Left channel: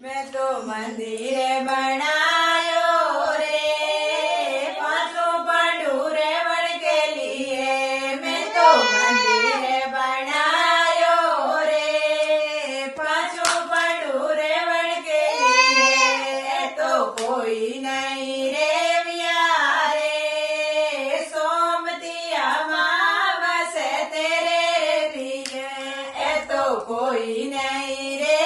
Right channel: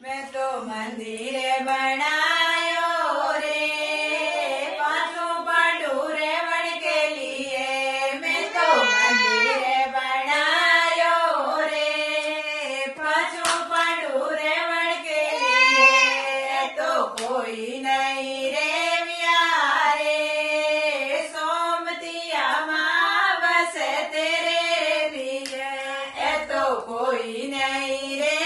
मैं तो मंदिर बनायो रे, पांचों पांडु रेवण के लिए। मैं तो मंदिर बनायो रे, पांचों पांडु रेवण के लिए। तो कोई नहीं रे व्यारे, सोमती अमावस तेरे लिए। तो कोई नहीं रे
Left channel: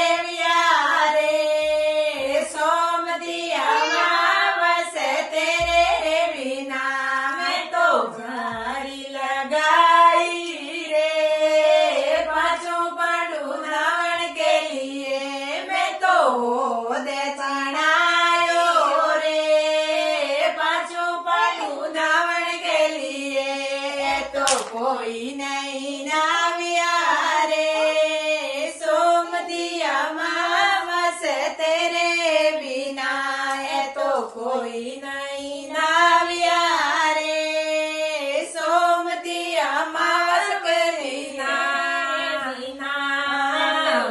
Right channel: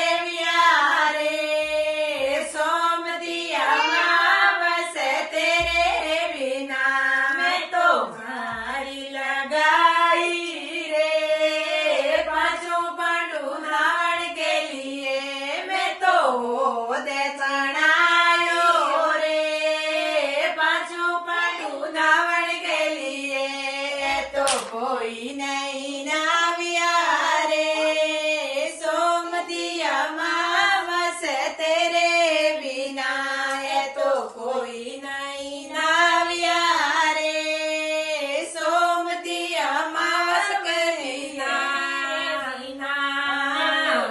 कोई नहीं नाविया रे, सोमती अमावस तेरे बिना। है तो कोई नहीं नाविया रे, सोमती अमावस के बिना।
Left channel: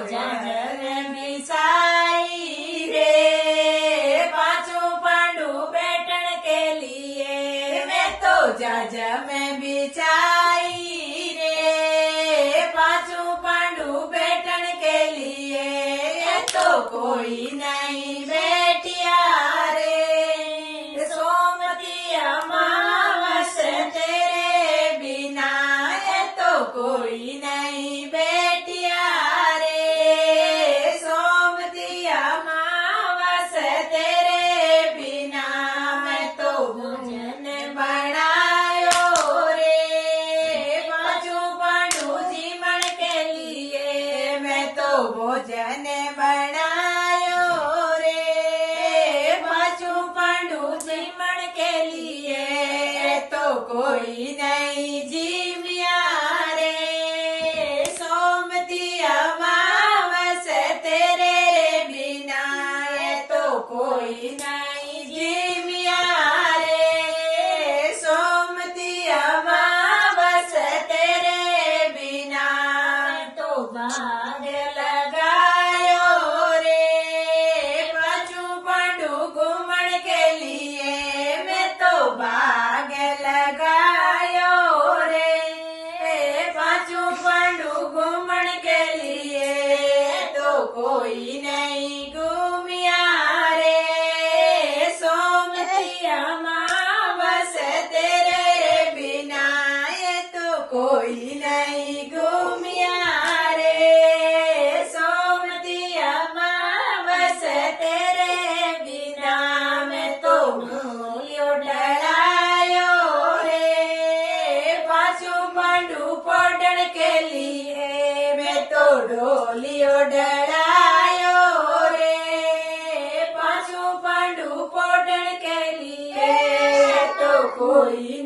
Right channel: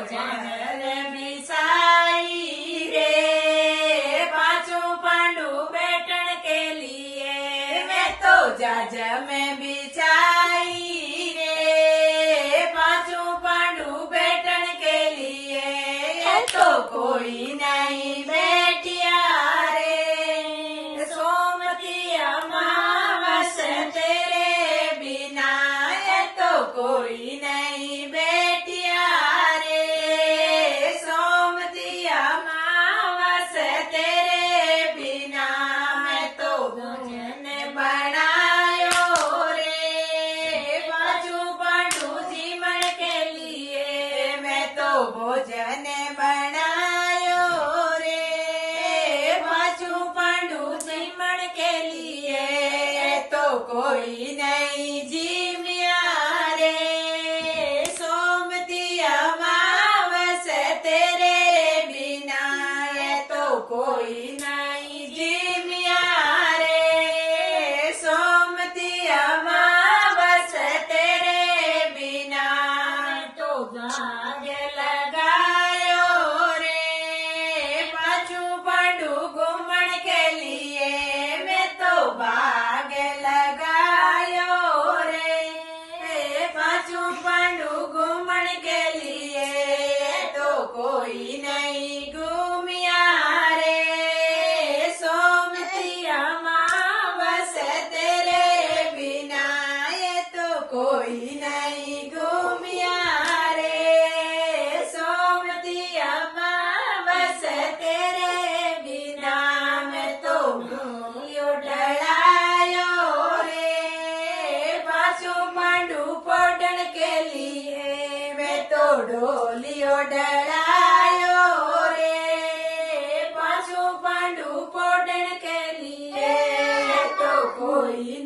जर मिसाई रे, पांचों पांडु बैठन के लिए। मैं तो जज में बिछाई रे, पांचों पांडु बैठन के लिए। तो कोई नहीं बैठिया रे, सोमती अमावस तेरे बिना। तो कोई नहीं बैठिया रे, सोमती अमावस तेरे बिना। मैं तो भोजन बनायो रे, पांचों पांडु जीवन के लिए। मैं तो भोजन बनायो रे, पांचों पांडु जीवन के लिए। तो कोई नहीं जीविया रे, सोमती अमावस तेरे बिना। तो कोई नहीं जीविया रे, सोमती अमावस तेरे बिना। तो भाग लगायो रे, पांचों पांडु घूमन के लिए। मैं तो भाग लगायो रे, पांचों पांडु घूमन के लिए। तो कोई नहीं घूमिया रे, सोमती अमावस तेरे बिना। तो कोई नहीं घूमिया रे, सोमती अमावस तेरे बिना। मैं तो मूलियो डरायो रे, पांचों पांडु पढ़न के लिए। मैं तो डोलियो डरायो रे, पांचों पांडु पढ़न के लिए। तो कोई